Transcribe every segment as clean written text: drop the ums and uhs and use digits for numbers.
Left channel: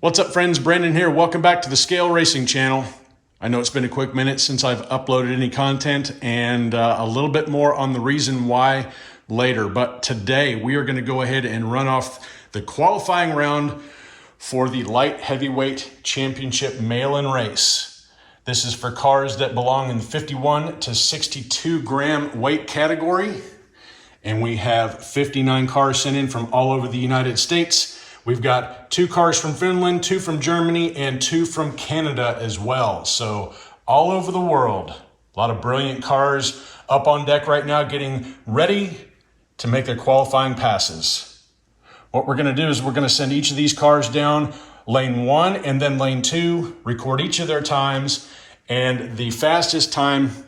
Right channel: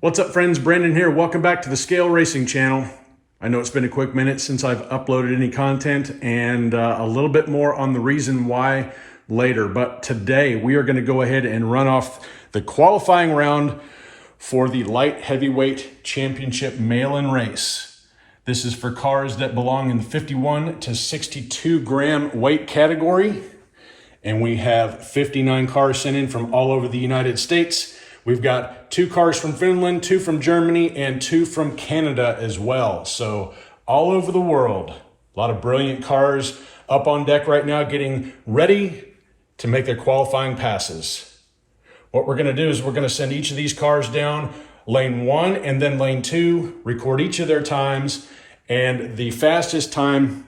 What's up, friends? Brandon here. Welcome back to the Scale Racing channel. I know it's been a quick minute since I've uploaded any content, and a little bit more on the reason why later. But today we are going to go ahead and run off the qualifying round for the Light Heavyweight Championship mail-in race. This is for cars that belong in the 51 to 62 gram weight category. And we have 59 cars sent in from all over the United States. We've got 2 cars from Finland, 2 from Germany, and 2 from Canada as well. So all over the world, a lot of brilliant cars up on deck right now, getting ready to make their qualifying passes. What we're gonna do is we're gonna send each of these cars down lane 1 and then lane 2, record each of their times, and the fastest time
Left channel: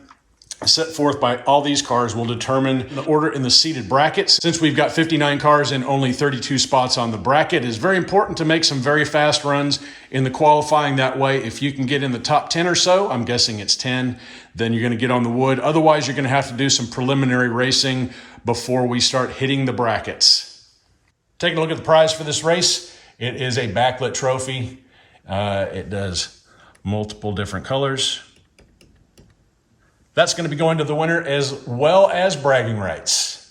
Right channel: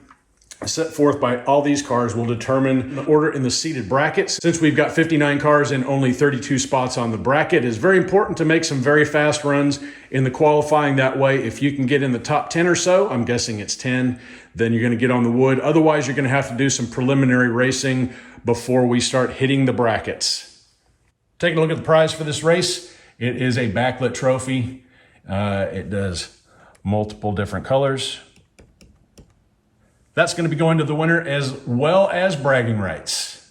set forth by all these cars will determine the order in the seated brackets. Since we've got 59 cars and only 32 spots on the bracket, it is very important to make some very fast runs in the qualifying. That way, if you can get in the top 10 or so, I'm guessing it's 10, then you're gonna get on the wood. Otherwise, you're gonna have to do some preliminary racing before we start hitting the brackets. Taking a look at the prize for this race, it is a backlit trophy. It does multiple different colors. That's going to be going to the winner, as well as bragging rights.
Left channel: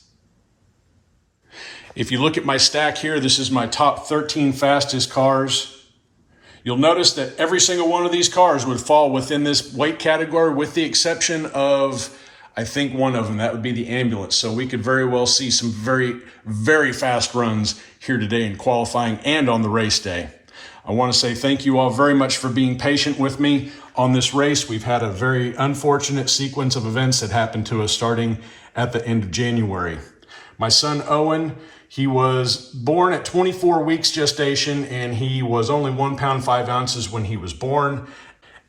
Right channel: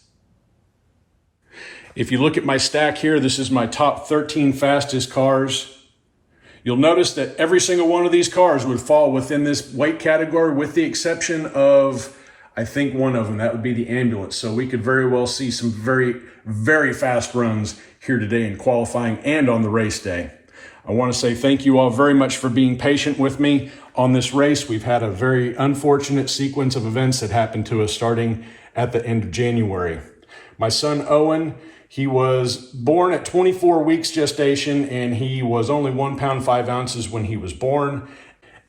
If you look at my stack here, this is my top 13 fastest cars. You'll notice that every single one of these cars would fall within this weight category, with the exception of, I think, one of them. That would be the ambulance. So we could very well see some very, very fast runs here today in qualifying and on the race day. I want to say thank you all very much for being patient with me on this race. We've had a very unfortunate sequence of events that happened to us starting at the end of January. My son Owen, he was born at 24 weeks gestation, and he was only 1 pound 5 ounces when he was born.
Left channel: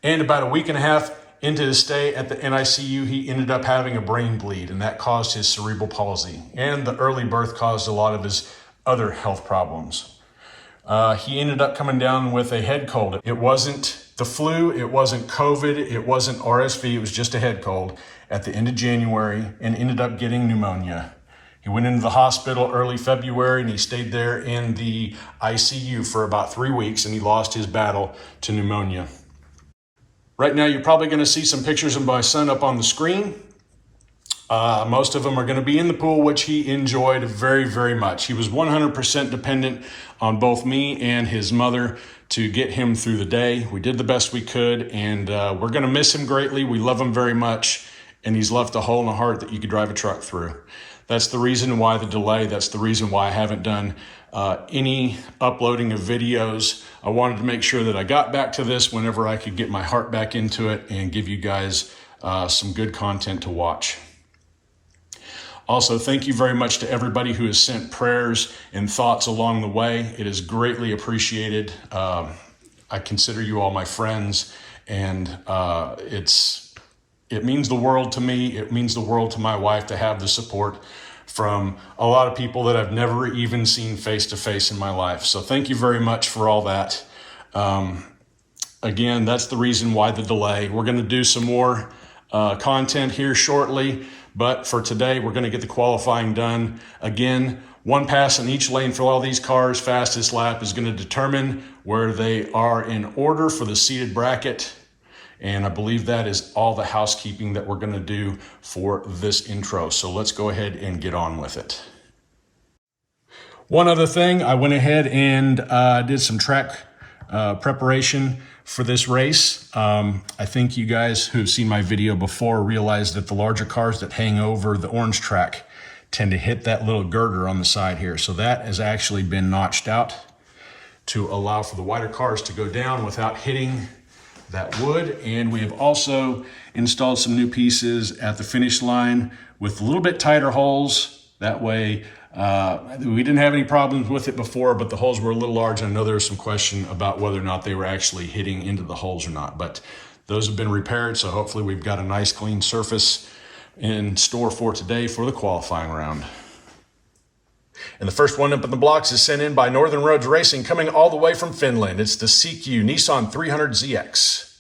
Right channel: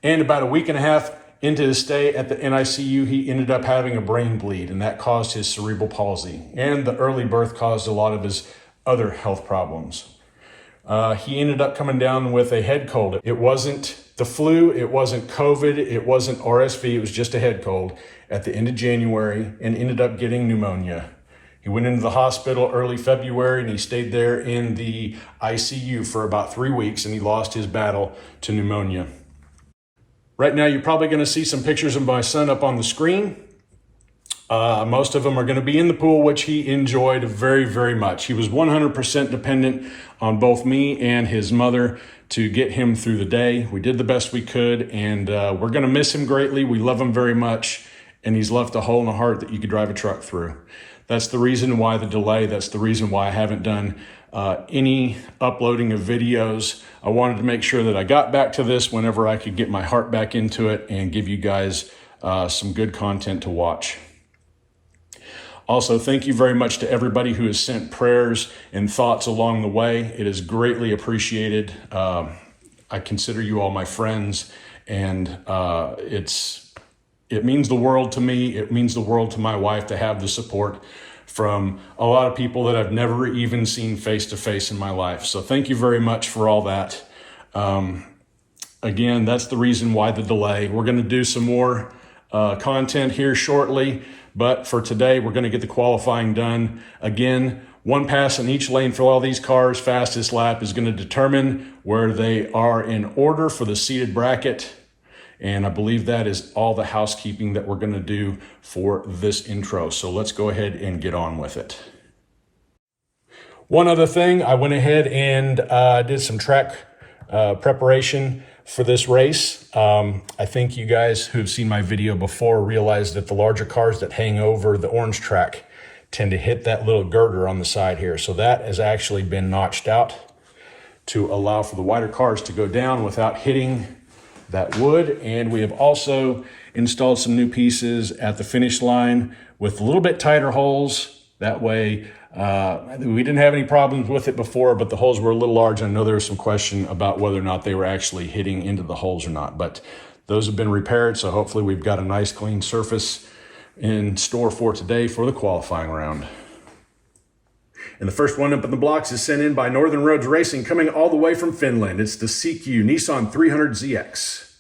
And about a week and a half into his stay at the NICU, he ended up having a brain bleed, and that caused his cerebral palsy. And the early birth caused a lot of his other health problems. He ended up coming down with a head cold. It wasn't the flu, it wasn't COVID, it wasn't RSV, it was just a head cold at the end of January, and ended up getting pneumonia. He went into the hospital early February, and he stayed there in the ICU for about 3 weeks, and he lost his battle to pneumonia. Right now, you're probably gonna see some pictures of my son up on the screen. Most of them are going to be in the pool, which he enjoyed very, very much. He was 100% dependent on both me and his mother to get him through the day. We did the best we could, and we're going to miss him greatly. We love him very much, and he's left a hole in the heart that you could drive a truck through. That's the reason why the delay. That's the reason why I haven't done any uploading of videos. I wanted to make sure that I got back to this whenever I could get my heart back into it and give you guys some good content to watch. Also, thank you very much to everybody who has sent prayers and thoughts along the way. It is greatly appreciated. I consider you all my friends, and it means the world to me. It means the world to my wife to have the support from a lot of people that I've never even seen face to face in my life. So thank you very much for all that. Again, that's the reason why the delay. We're going to do some more content here shortly. But for today, we're going to get the qualifying done. Again, 1 pass in each lane for all these cars. Fastest lap is going to determine where they are in order for the seated bracket. And I believe that is all the housekeeping that we're going to do for this intro. So let's go ahead and get on with it. One other thing, I went ahead and did some track preparation for this race. I think you guys who've seen my video before realize that the larger cars that hang over the orange track tend to hit that little girder on the side here. So that has actually been notched out to allow for the wider cars to go down without hitting that wood. And we have also installed some new pieces at the finish line with a little bit tighter holes. That way, we didn't have any problems with it before, but the holes were a little large. I know there was some question about whether or not they were actually hitting into the holes or not, but those have been repaired. So hopefully we've got a nice clean surface in store for today for the qualifying round. And the first one up in the blocks is sent in by Northern Roads Racing, coming all the way from Finland. It's the CQ Nissan 300ZX.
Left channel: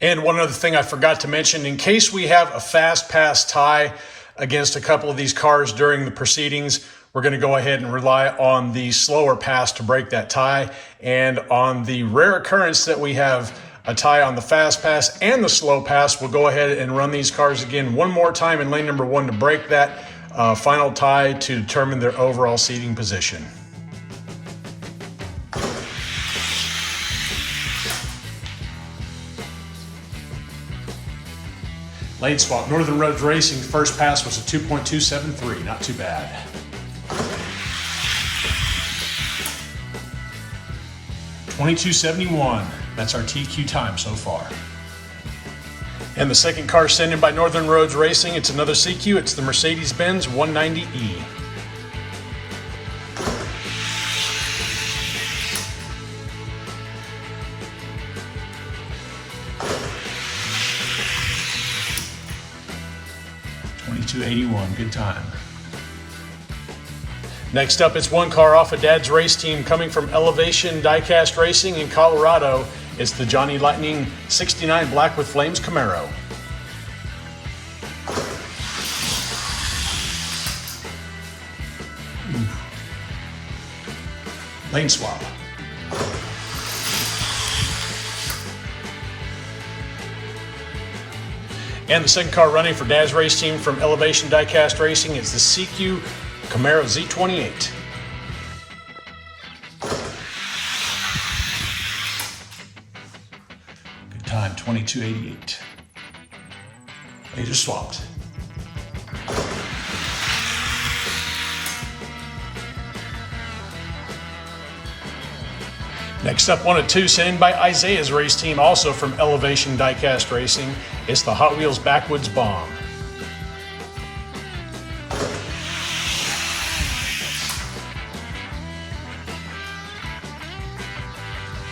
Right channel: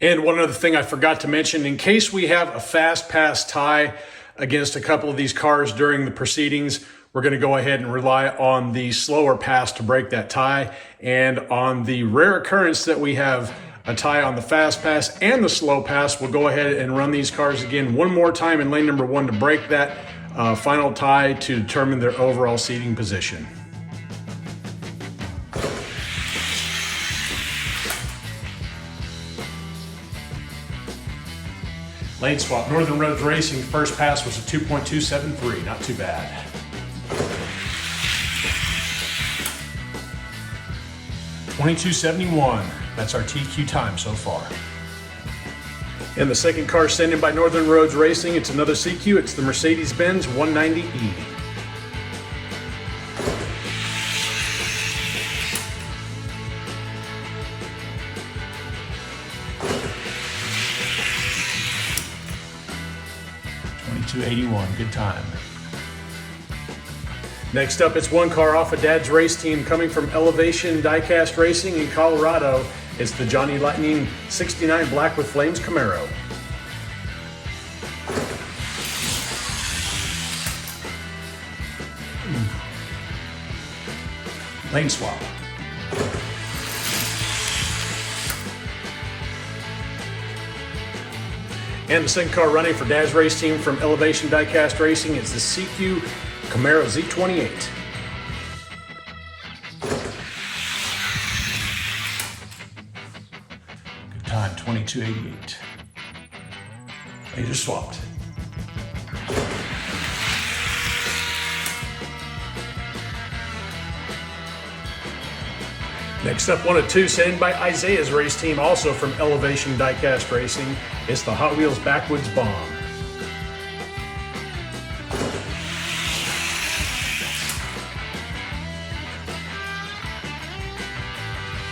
And one other thing I forgot to mention, in case we have a fast pass tie, against a couple of these cars during the proceedings, we're going to go ahead and rely on the slower pass to break that tie. And on the rare occurrence that we have a tie on the fast pass and the slow pass, we'll go ahead and run these cars again one more time in lane number 1 to break that final tie to determine their overall seating position. Lane swap. Northern Roads Racing first pass was a 2.273, not too bad. .2271, that's our TQ time so far. And the second car sent in by Northern Roads Racing, it's another CQ, it's the Mercedes-Benz 190E. .2281, good time. Next up, it's one car off of Dad's race team coming from Elevation Diecast Racing in Colorado. It's the Johnny Lightning 69 Black with Flames Camaro. Lane swap. And the second car running for Dad's race team from Elevation Diecast Racing, it's the CQ Camaro Z28. Good time, 2288. They just swapped. Next up, 1 of 2 sent in by Isaiah's race team, also from Elevation Diecast Racing. It's the Hot Wheels Backwoods Bomb.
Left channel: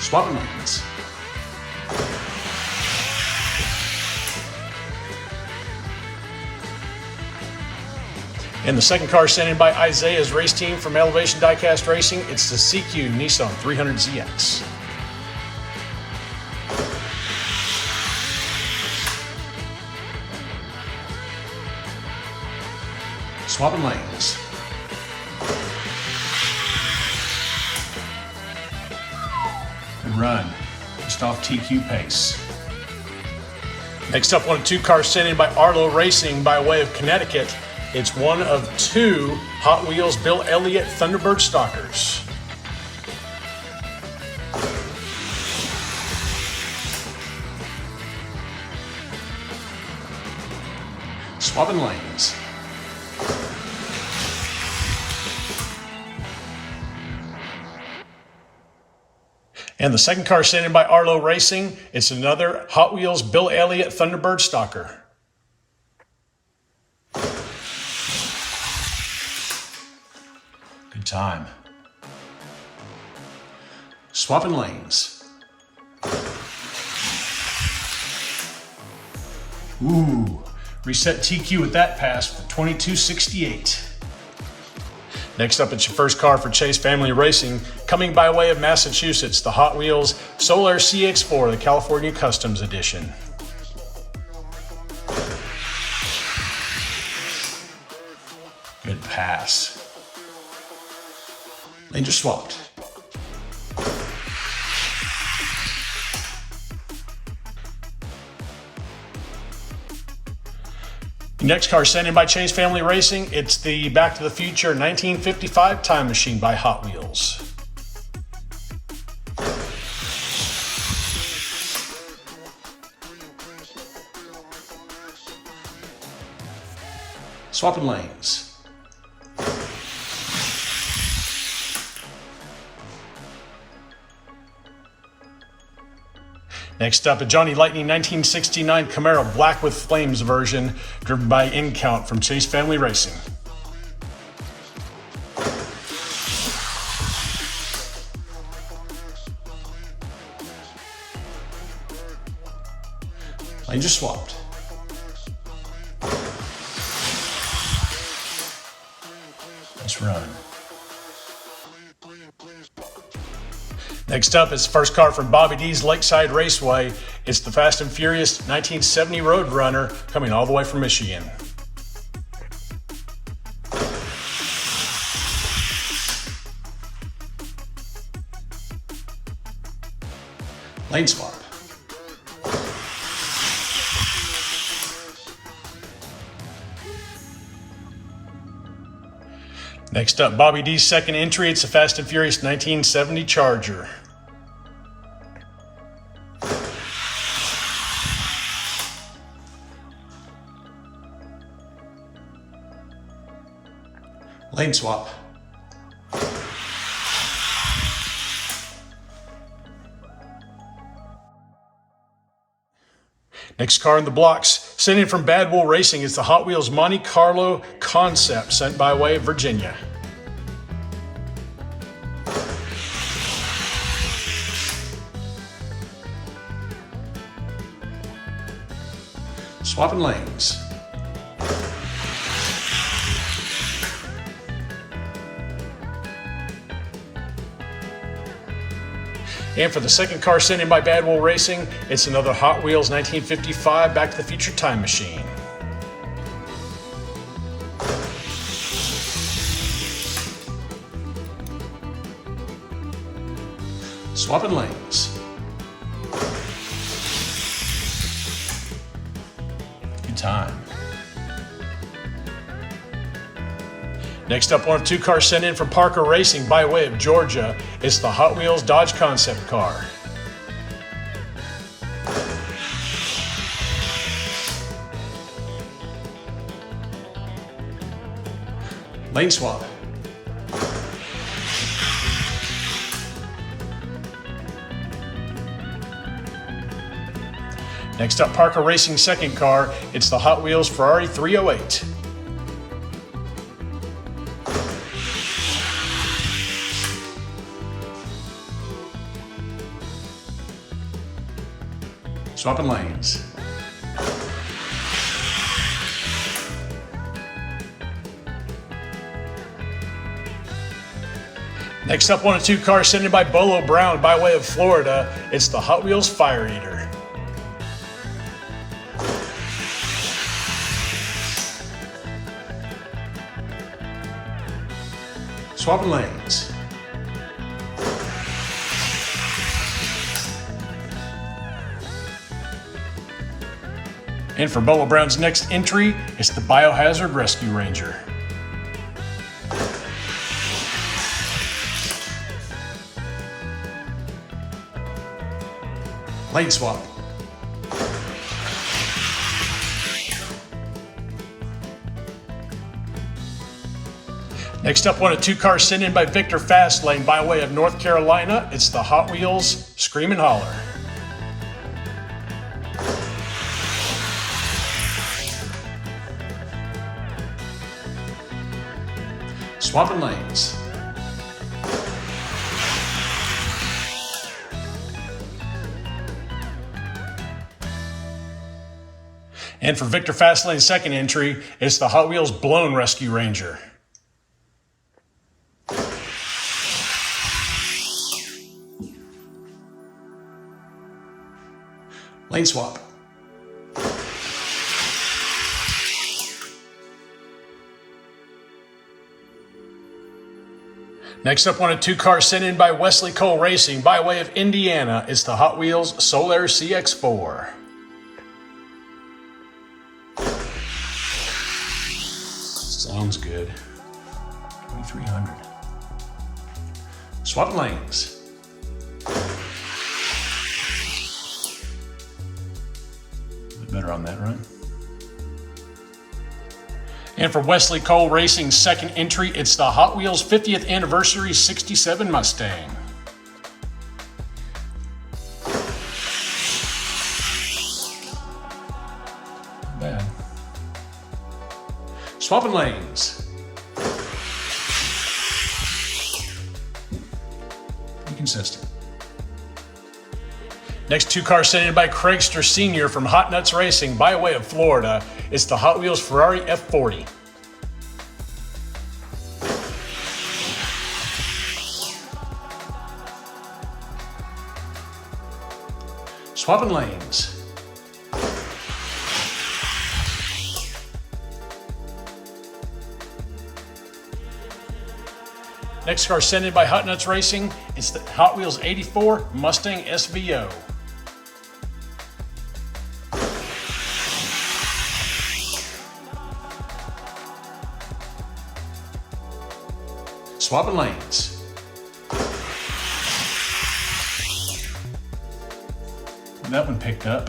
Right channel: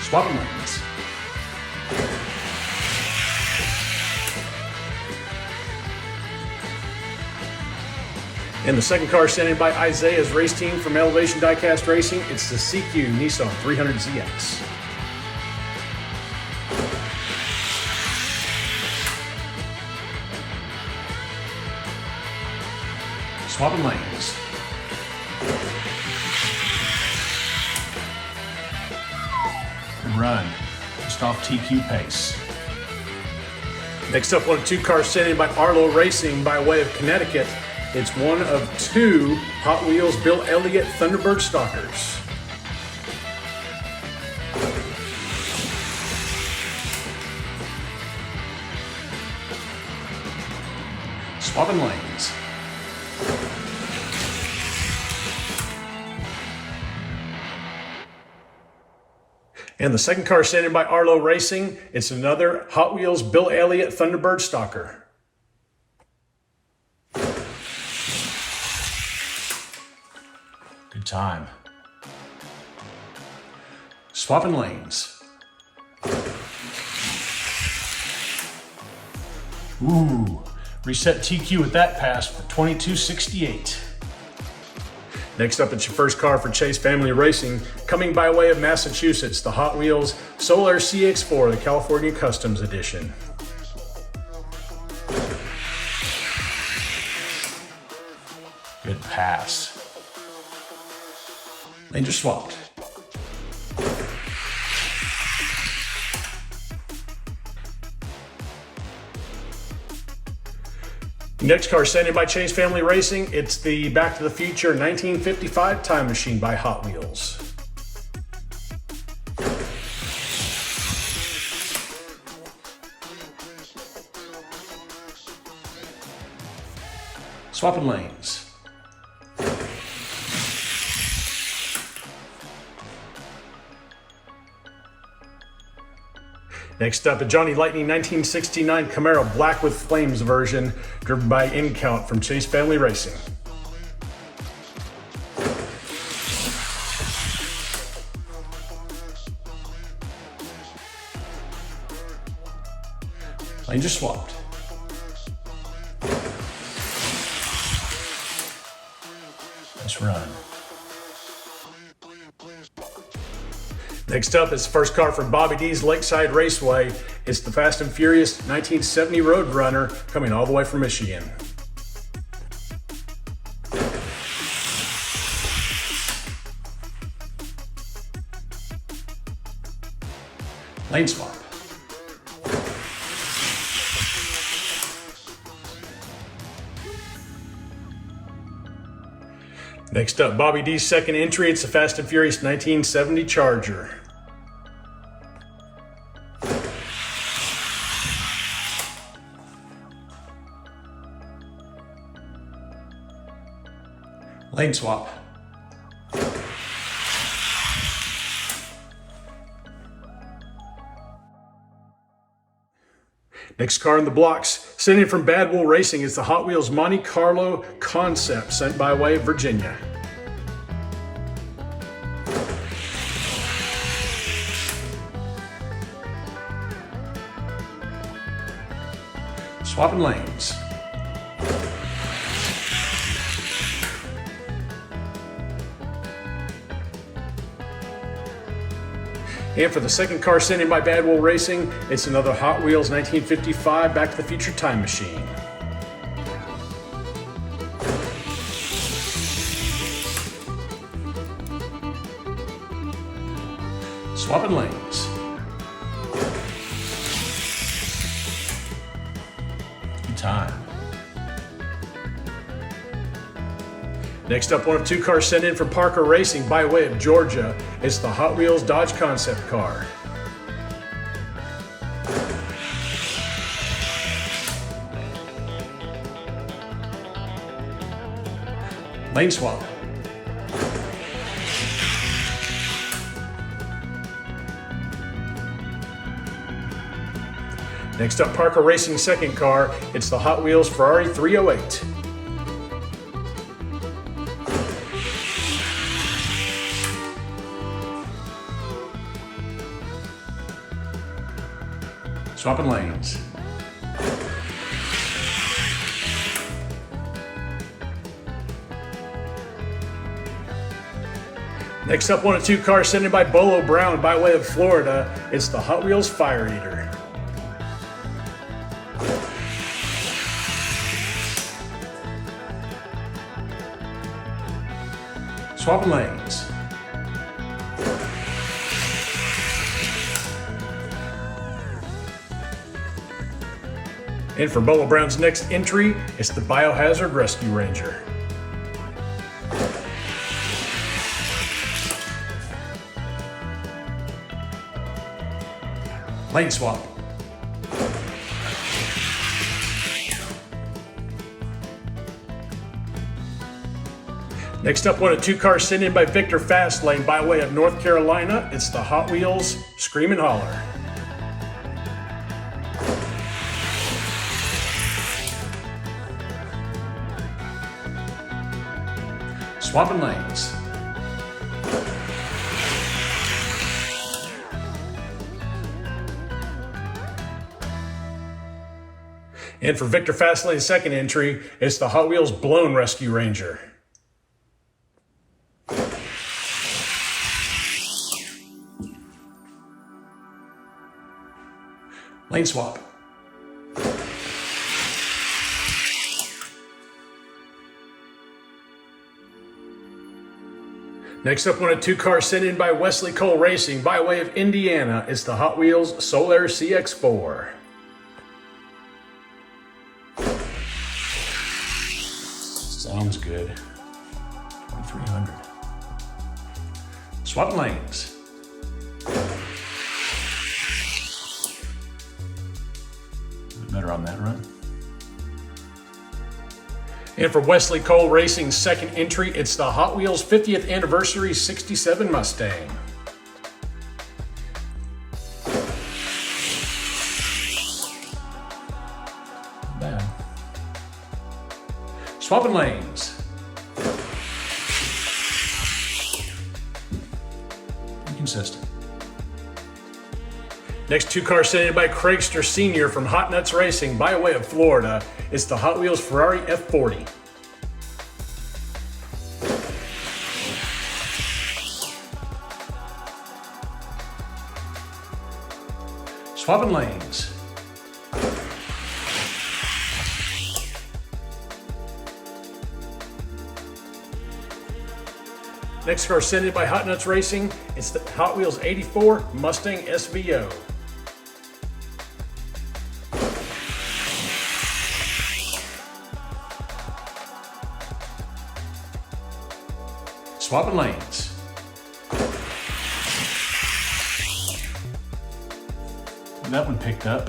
Swapping lanes. And the second car sent in by Isaiah's race team from Elevation Diecast Racing, it's the CQ Nissan 300ZX. Swapping lanes. And run, just off TQ pace. Next up, 1 of 2 cars sent in by Arlo Racing by way of Connecticut. It's 1 of 2 Hot Wheels Bill Elliott Thunderbird Stalkers. Swapping lanes. And the second car sent in by Arlo Racing, it's another Hot Wheels Bill Elliott Thunderbird Stalker. Good time. Swapping lanes. Ooh, reset TQ with that pass for 2268. Next up, it's your first car for Chase Family Racing, coming by way of Massachusetts, the Hot Wheels Solar CX-4, the California Customs Edition. Good pass. They just swapped. Next car sent in by Chase Family Racing, it's the Back to the Future 1955 Time Machine by Hot Wheels. Swapping lanes. Next up, a Johnny Lightning 1969 Camaro Black with Flames version, driven by InCount from Chase Family Racing. Lanes are swapped. Let's run. Next up is the first car from Bobby D's Lakeside Raceway. It's the Fast and Furious 1970 Roadrunner, coming all the way from Michigan. Lane swap. Next up, Bobby D's second entry. It's a Fast and Furious 1970 Charger. Lane swap. Next car in the blocks, sent in from Bad Wool Racing, is the Hot Wheels Monte Carlo Concept, sent by way of Virginia. Swapping lanes. And for the second car sent in by Bad Wool Racing, it's another Hot Wheels 1955 Back to the Future Time Machine. Swapping lanes. Good time. Next up, one of two cars sent in from Parker Racing by way of Georgia. It's the Hot Wheels Dodge Concept car. Lane swap. Next up, Parker Racing second car. It's the Hot Wheels Ferrari 308. Swapping lanes. Next up, one of two cars sent in by Bolo Brown by way of Florida. It's the Hot Wheels Fire Eater. Swapping lanes. And for Bolo Brown's next entry, it's the Biohazard Rescue Ranger. Lane swap. Next up, one of two cars sent in by Victor Fastlane by way of North Carolina. It's the Hot Wheels Scream and Holler. Swapping lanes. And for Victor Fastlane's second entry, it's the Hot Wheels Blown Rescue Ranger. Lane swap. Next up, one of two cars sent in by Wesley Cole Racing by way of Indiana. It's the Hot Wheels Solar CX-4. Sounds good. 2300. Swap lanes. A bit better on that, right? And for Wesley Cole Racing's second entry, it's the Hot Wheels 50th Anniversary 67 Mustang. Not bad. Swapping lanes. Pretty consistent. Next two cars sent in by Craigster Sr. from Hot Nuts Racing by way of Florida. It's the Hot Wheels Ferrari F40. Swapping lanes. Next car sent in by Hot Nuts Racing. It's the Hot Wheels 84 Mustang SVO. Swapping lanes. That one picked up.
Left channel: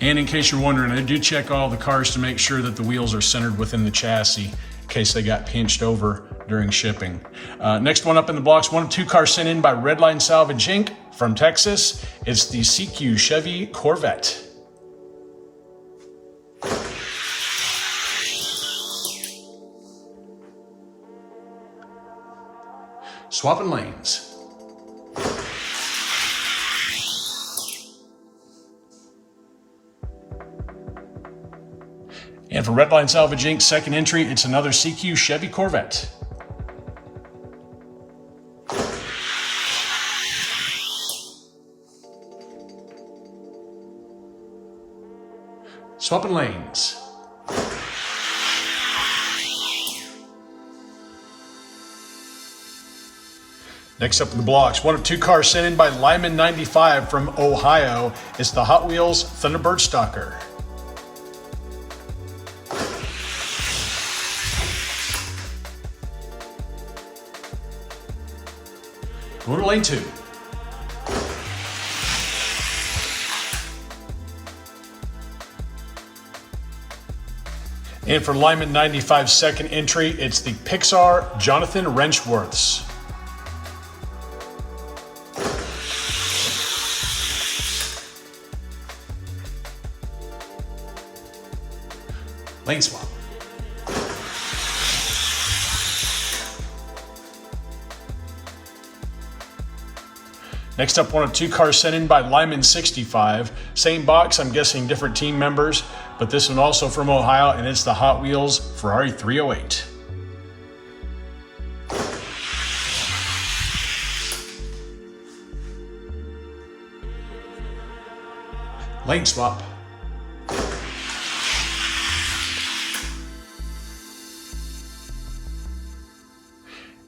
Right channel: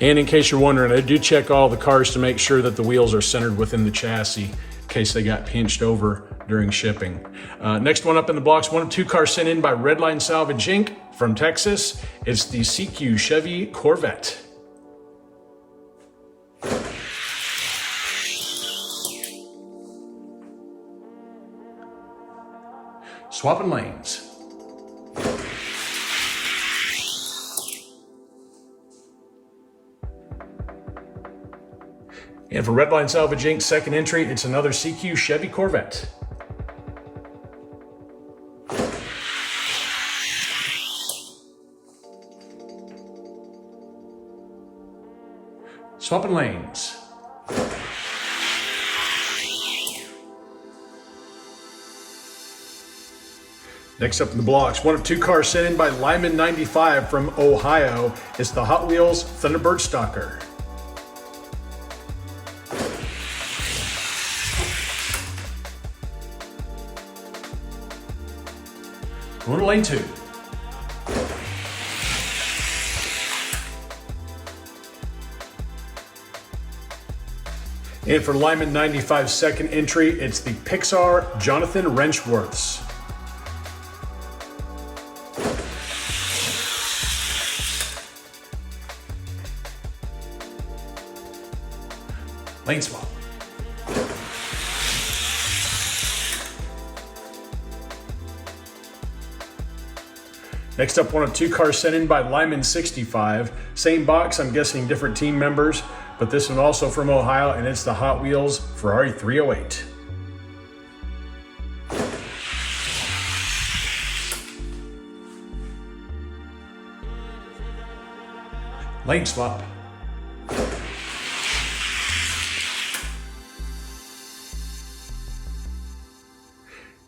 And in case you're wondering, I do check all the cars to make sure that the wheels are centered within the chassis in case they got pinched over during shipping. Next one up in the blocks, one of two cars sent in by Redline Salvage Inc. from Texas. It's the CQ Chevy Corvette. Swapping lanes. And for Redline Salvage Inc.'s second entry, it's another CQ Chevy Corvette. Swapping lanes. Next up in the blocks, one of two cars sent in by Lyman 95 from Ohio. It's the Hot Wheels Thunderbird Stalker. Going to lane 2. And for Lyman 95's second entry, it's the Pixar Jonathan Wrenchworths. Lane swap. Next up, one of two cars sent in by Lyman 65. Same box, I'm guessing different team members, but this one also from Ohio, and it's the Hot Wheels Ferrari 308. Lane swap.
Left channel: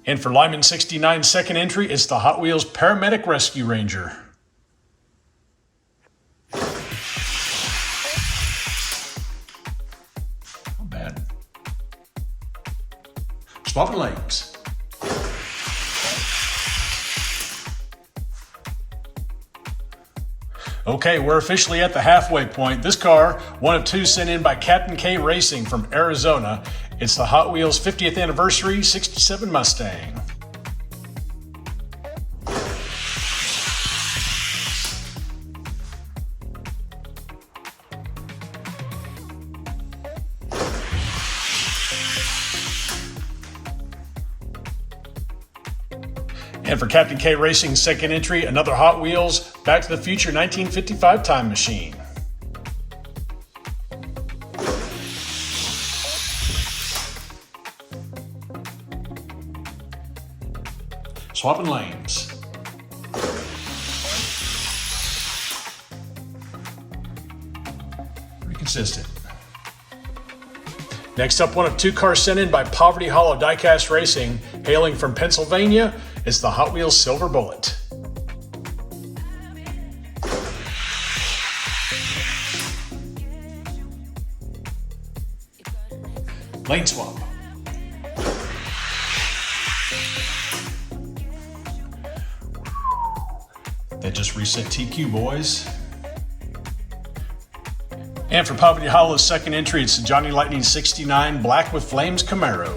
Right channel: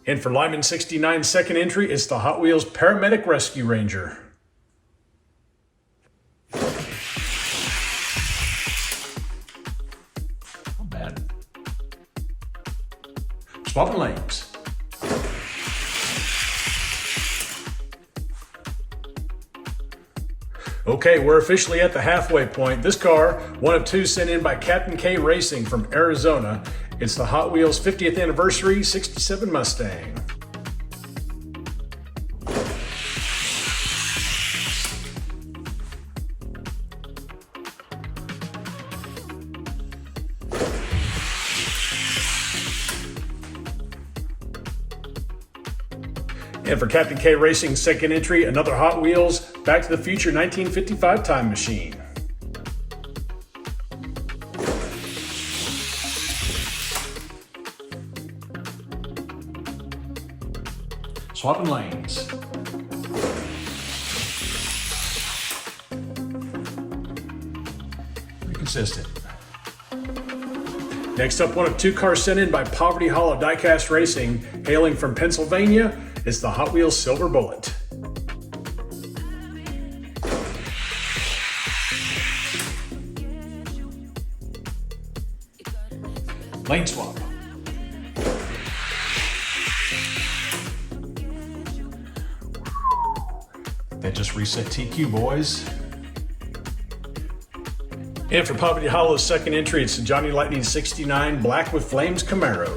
And for Lyman 69's second entry, it's the Hot Wheels Paramedic Rescue Ranger. Not bad. Swapping lanes. Okay, we're officially at the halfway point. This car, one of two sent in by Captain K Racing from Arizona. It's the Hot Wheels 50th Anniversary 67 Mustang. And for Captain K Racing's second entry, another Hot Wheels Back to the Future 1955 Time Machine. Swapping lanes. Pretty consistent. Next up, one of two cars sent in by Poverty Hollow Diecast Racing, hailing from Pennsylvania. It's the Hot Wheels Silver Bullet. Lane swap. That just reset TQ, boys. And for Poverty Hollow's second entry, it's the Johnny Lightning 69 Black with Flames Camaro.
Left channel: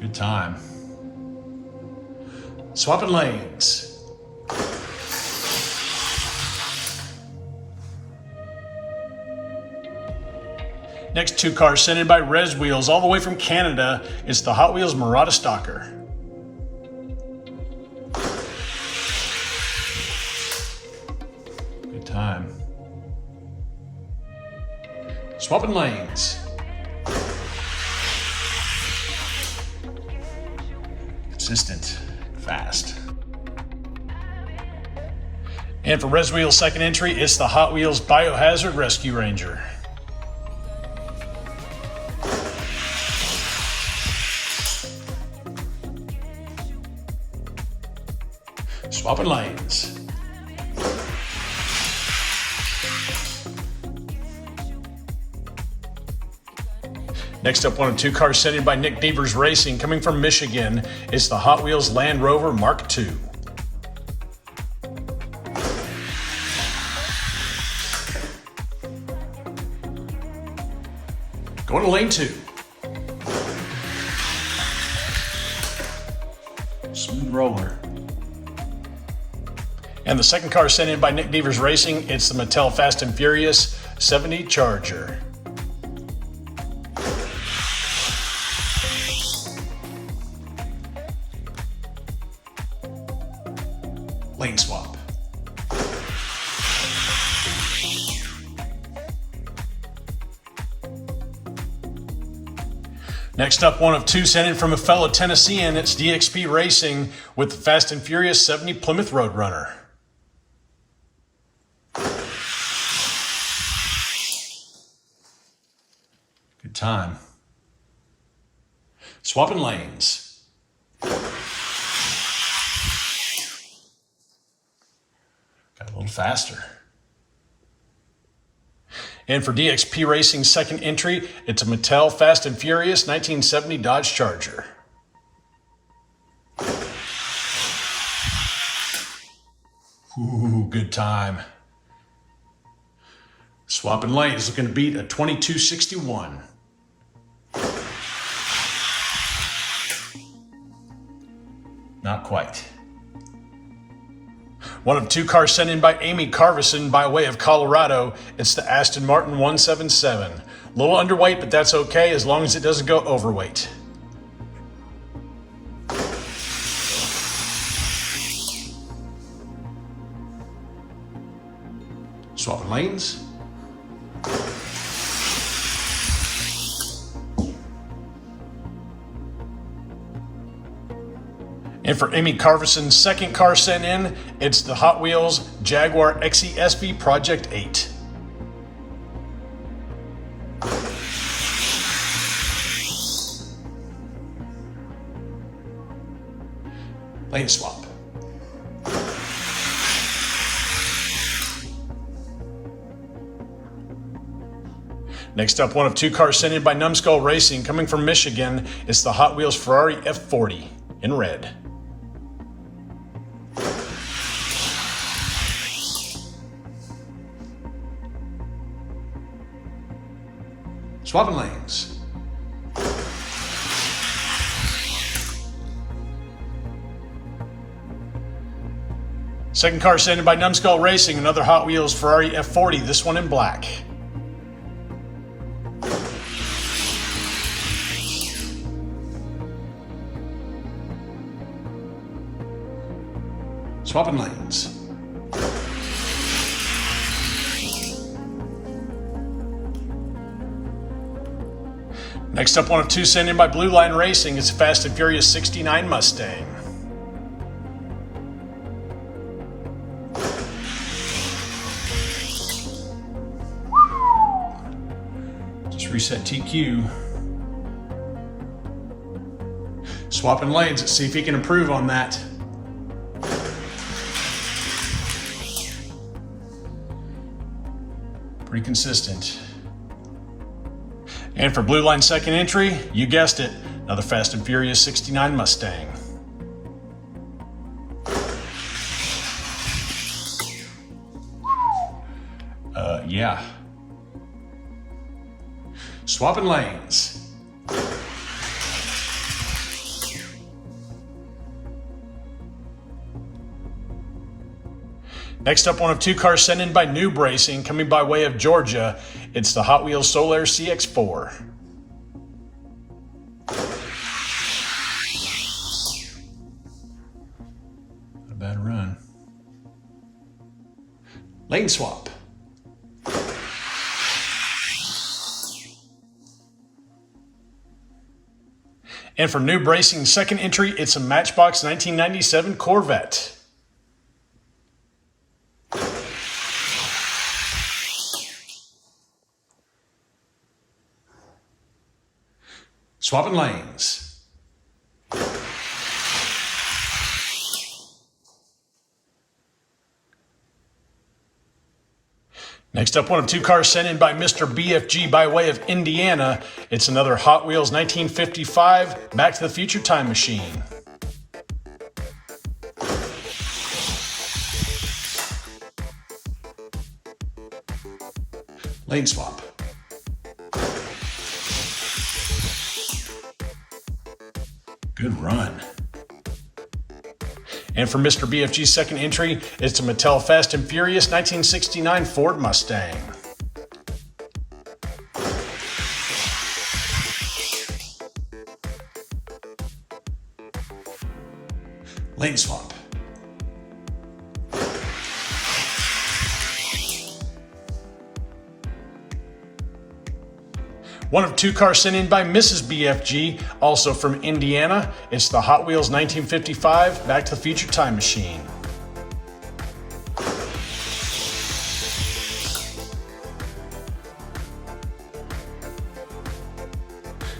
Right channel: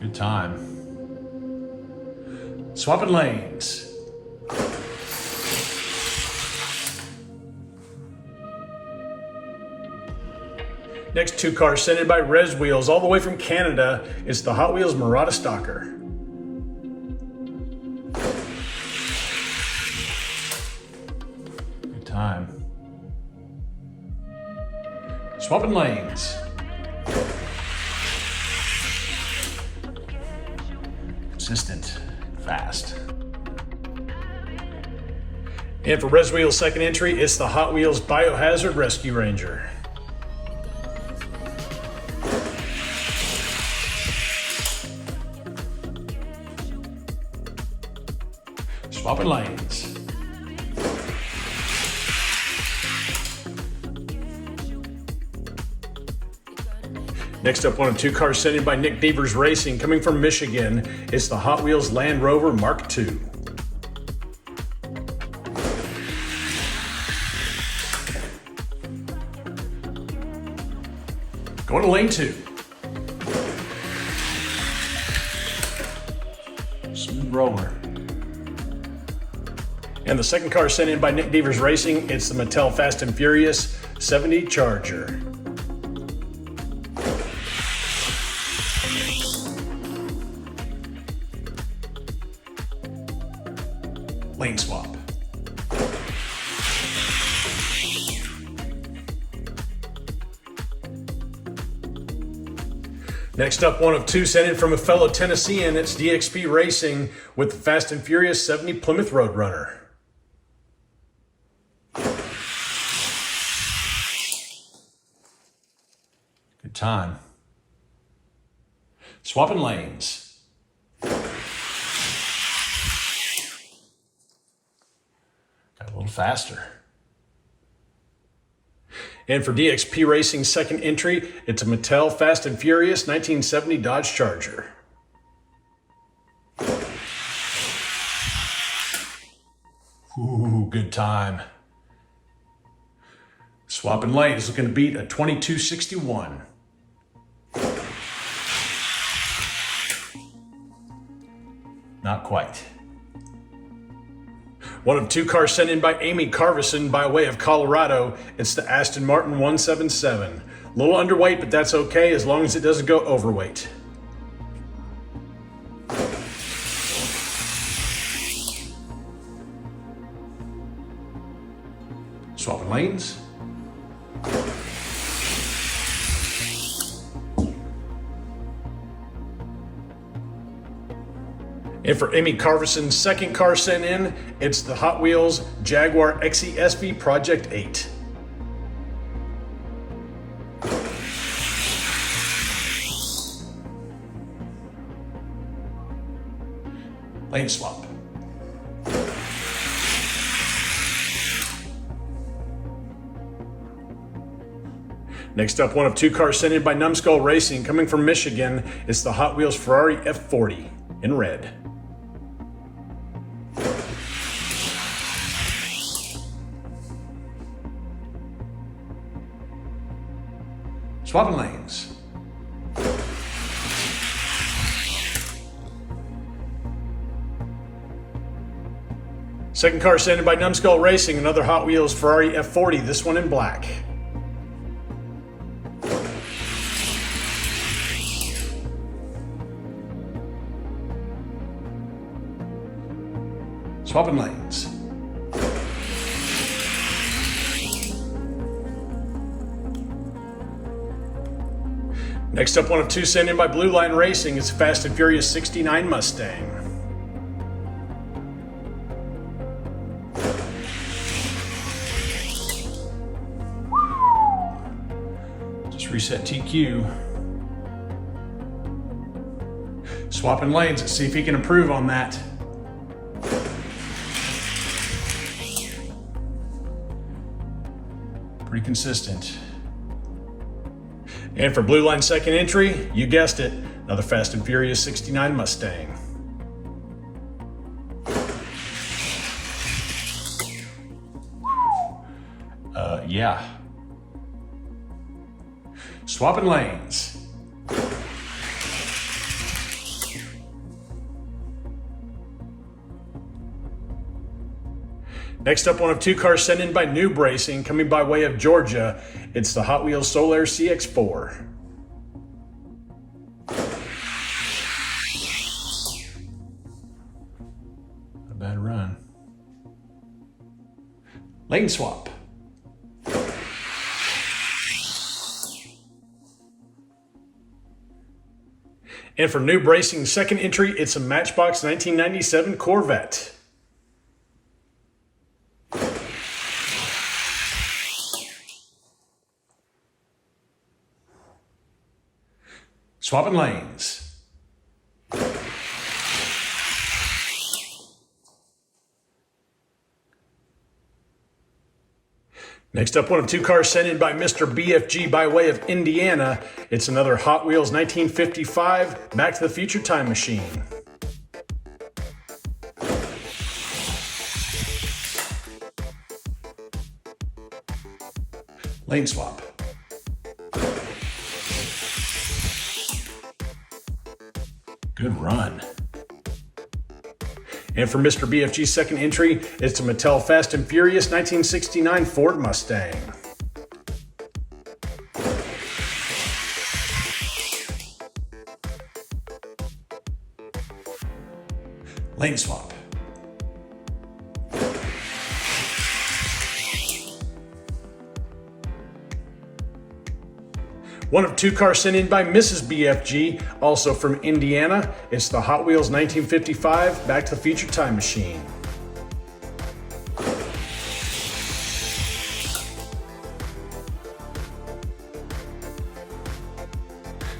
Good time. Swapping lanes. Next two cars sent in by Res Wheels all the way from Canada. It's the Hot Wheels Murata Stalker. Good time. Swapping lanes. Consistent, fast. And for Res Wheels' second entry, it's the Hot Wheels Biohazard Rescue Ranger. Swapping lanes. Next up, one of two cars sent in by Nick Devers Racing, coming from Michigan. It's the Hot Wheels Land Rover Mark II. Going to lane 2. Smooth roller. And the second car sent in by Nick Devers Racing, it's the Mattel Fast and Furious 70 Charger. Lane swap. Next up, one of two sent in from a fellow Tennessean. It's DXP Racing with the Fast and Furious 70 Plymouth Roadrunner. Good time. Swapping lanes. Got a little faster. And for DXP Racing's second entry, it's a Mattel Fast and Furious 1970 Dodge Charger. Ooh, good time. Swapping lanes, looking to beat a 2261. Not quite. One of two cars sent in by Amy Carvison by way of Colorado. It's the Aston Martin 177. A little underweight, but that's okay as long as it doesn't go overweight. Swapping lanes. And for Amy Carvison's second car sent in, it's the Hot Wheels Jaguar XE-SV Project 8. Lane swap. Next up, one of two cars sent in by Numbskull Racing, coming from Michigan. It's the Hot Wheels Ferrari F40 in red. Swapping lanes. Second car sent in by Numbskull Racing, another Hot Wheels Ferrari F40, this one in black. Swapping lanes. Next up, one of two sent in by Blue Line Racing. It's a Fast and Furious 69 Mustang. Just reset TQ. Swapping lanes. Let's see if he can improve on that. Pretty consistent. And for Blue Line's second entry, you guessed it, another Fast and Furious 69 Mustang. Yeah. Swapping lanes. Next up, one of two cars sent in by Noob Racing, coming by way of Georgia. It's the Hot Wheels Solar CX-4. Not a bad run. Lane swap. And for Noob Racing's second entry, it's a Matchbox 1997 Corvette. Swapping lanes. Next up, one of two cars sent in by Mr. BFG by way of Indiana. It's another Hot Wheels 1955 Back to the Future time machine. Lane swap. Good run. And for Mr. BFG's second entry, it's a Mattel Fast and Furious 1969 Ford Mustang. Lane swap. One of two cars sent in by Mrs. BFG, also from Indiana. It's the Hot Wheels 1955 Back to the Future time machine.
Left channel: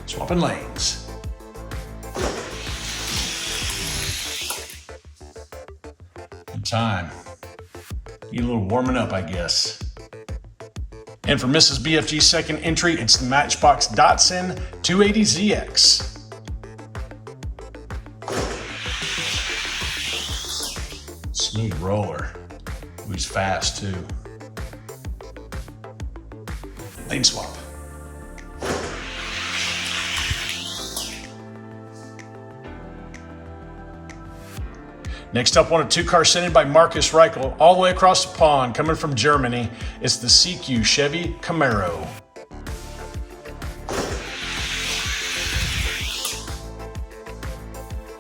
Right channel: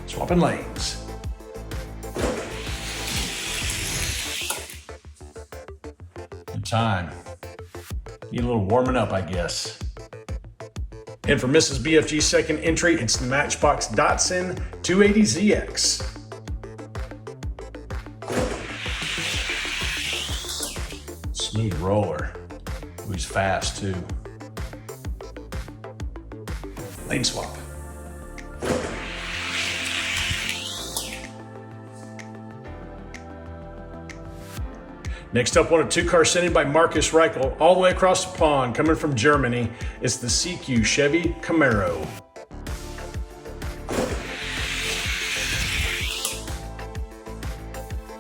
Swapping lanes. Good time. Need a little warming up, I guess. And for Mrs. BFG's second entry, it's the Matchbox Datsun 280ZX. Smooth roller. Ooh, he's fast too. Lane swap. Next up, one of two cars sent in by Marcus Reichel, all the way across the pond, coming from Germany. It's the CQ Chevy Camaro.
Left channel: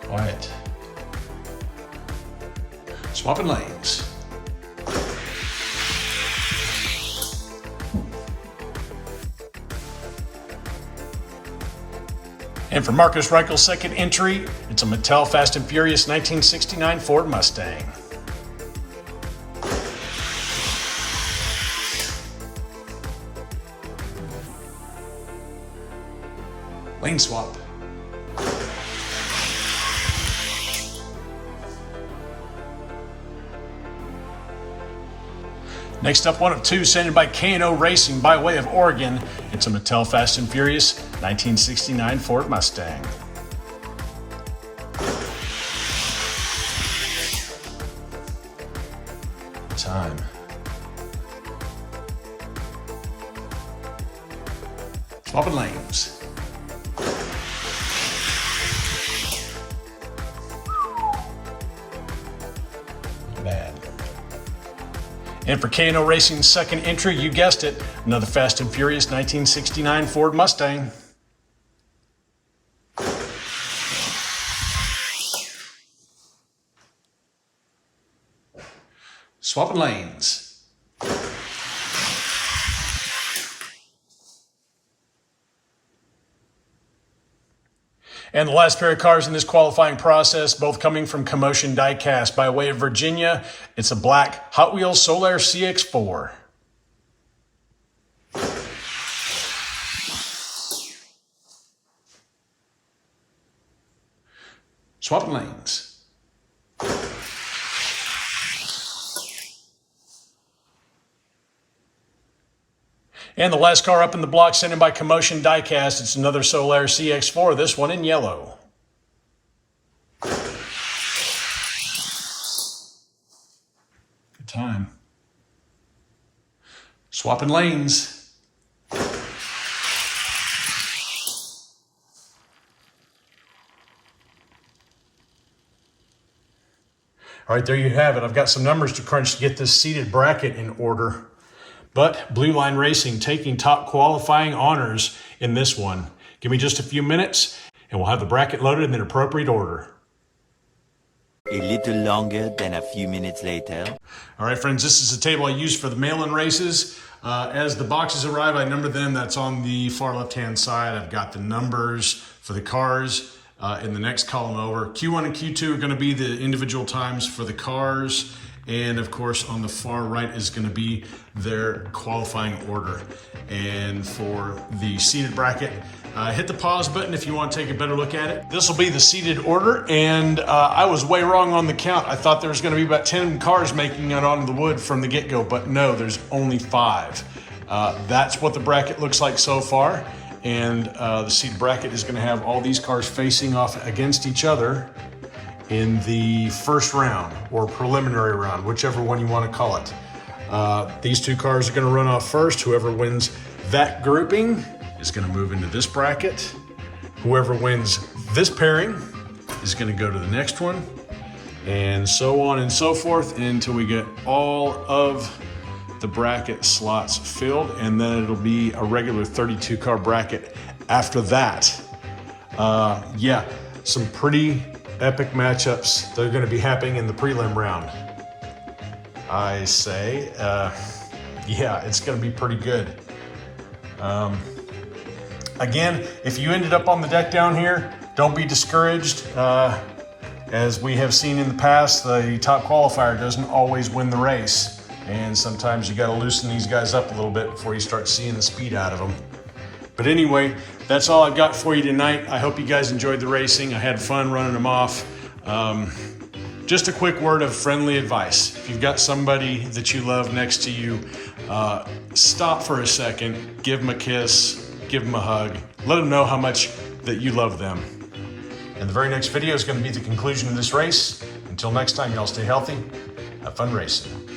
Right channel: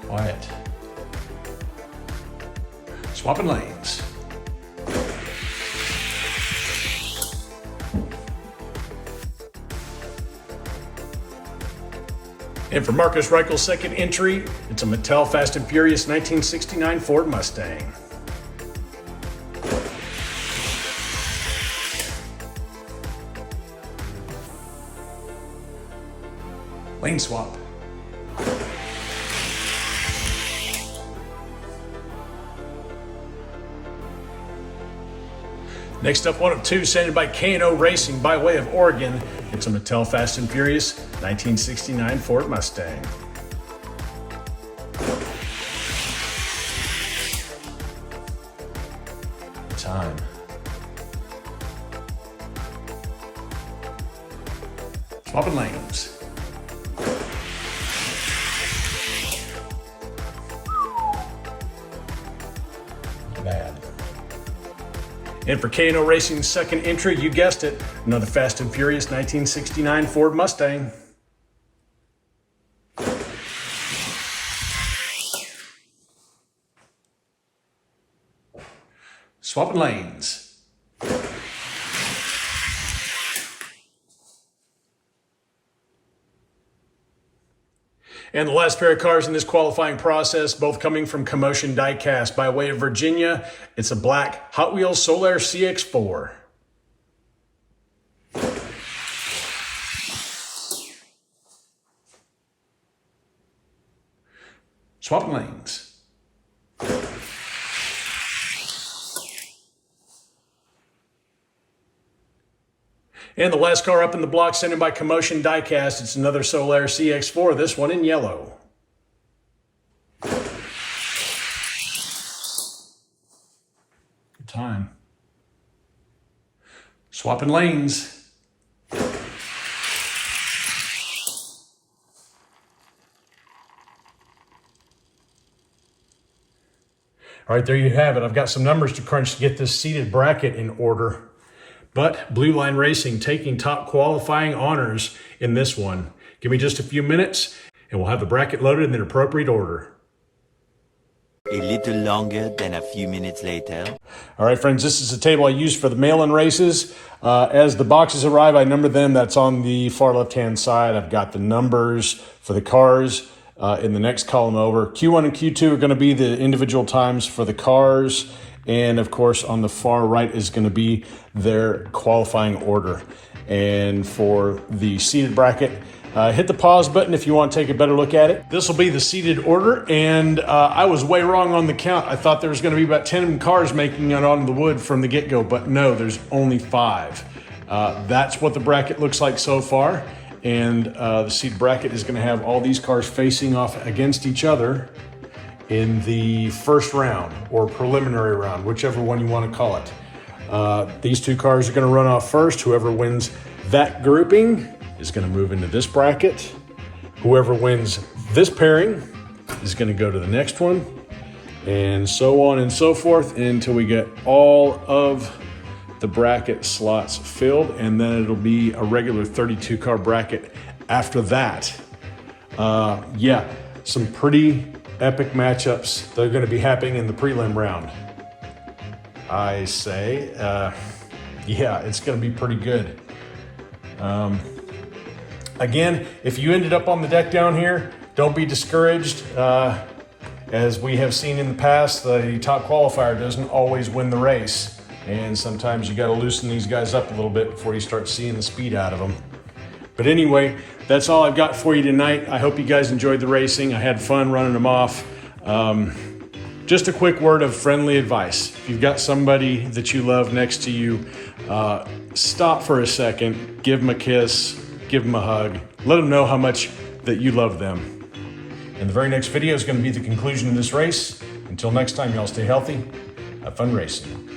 Quiet. Swapping lanes. And for Marcus Reichel's second entry, it's a Mattel Fast and Furious 1969 Ford Mustang. Lane swap. Next up, one of two sent in by K&O Racing by way of Oregon. It's a Mattel Fast and Furious 1969 Ford Mustang. Time. Swapping lanes. Not bad. And for K&O Racing's second entry, you guessed it, another Fast and Furious 1969 Ford Mustang. Swapping lanes. And the last pair of cars in this qualifying process, both coming from Commotion Diecast by way of Virginia. It's a black Hot Wheels Solar CX-4. Swapping lanes. And the last car up in the block sent in by Commotion Diecast. It's another Solar CX-4, this one in yellow. Good time. Swapping lanes. All right, there you have it. I've got some numbers to crunch to get this seated bracket in order. But Blue Line Racing taking top qualifying honors in this one. Give me just a few minutes and we'll have the bracket loaded in the appropriate order. A little longer than a few minutes later. All right, friends, this is the table I use for the mail-in races. As the boxes arrive, I number them. That's on the far left-hand side. I've got the numbers for the cars in the next column over. Q1 and Q2 are going to be the individual times for the cars. And of course, on the far right is going to be their qualifying order. And for the seated bracket, Hit the pause button if you want to take a better look at it. This will be the seated order, and I was way wrong on the count. I thought there was going to be about 10 cars making it on the wood from the get-go, but no, there's only 5. That's what the bracket looks like so far, and the seated bracket is going to have all these cars facing off against each other in the first round, or preliminary round, whichever one you want to call it. These 2 cars are going to run off first. Whoever wins that grouping is going to move into this bracket. Whoever wins this pairing is going to go to the next one, and so on and so forth until we get all of the bracket slots filled, and then it'll be a regular 32 car bracket after that. Yeah, some pretty epic matchups that are going to be happening in the prelim round. I say, yeah, it's going to be pretty good. Again, if you ended up on the deck down here, don't be discouraged. As we have seen in the past, the top qualifier doesn't always win the race. And sometimes you got to loosen these guys up a little bit before you start seeing the speed out of them. But anyway, that's all I've got for you tonight. I hope you guys enjoyed the racing. I had fun running them off. Just a quick word of friendly advice. If you've got somebody that you love next to you, stop for a second, give them a kiss, give them a hug, let them know how much that you love them. And the very next video is going to be the conclusion of this race. Until next time, y'all stay healthy, have fun racing.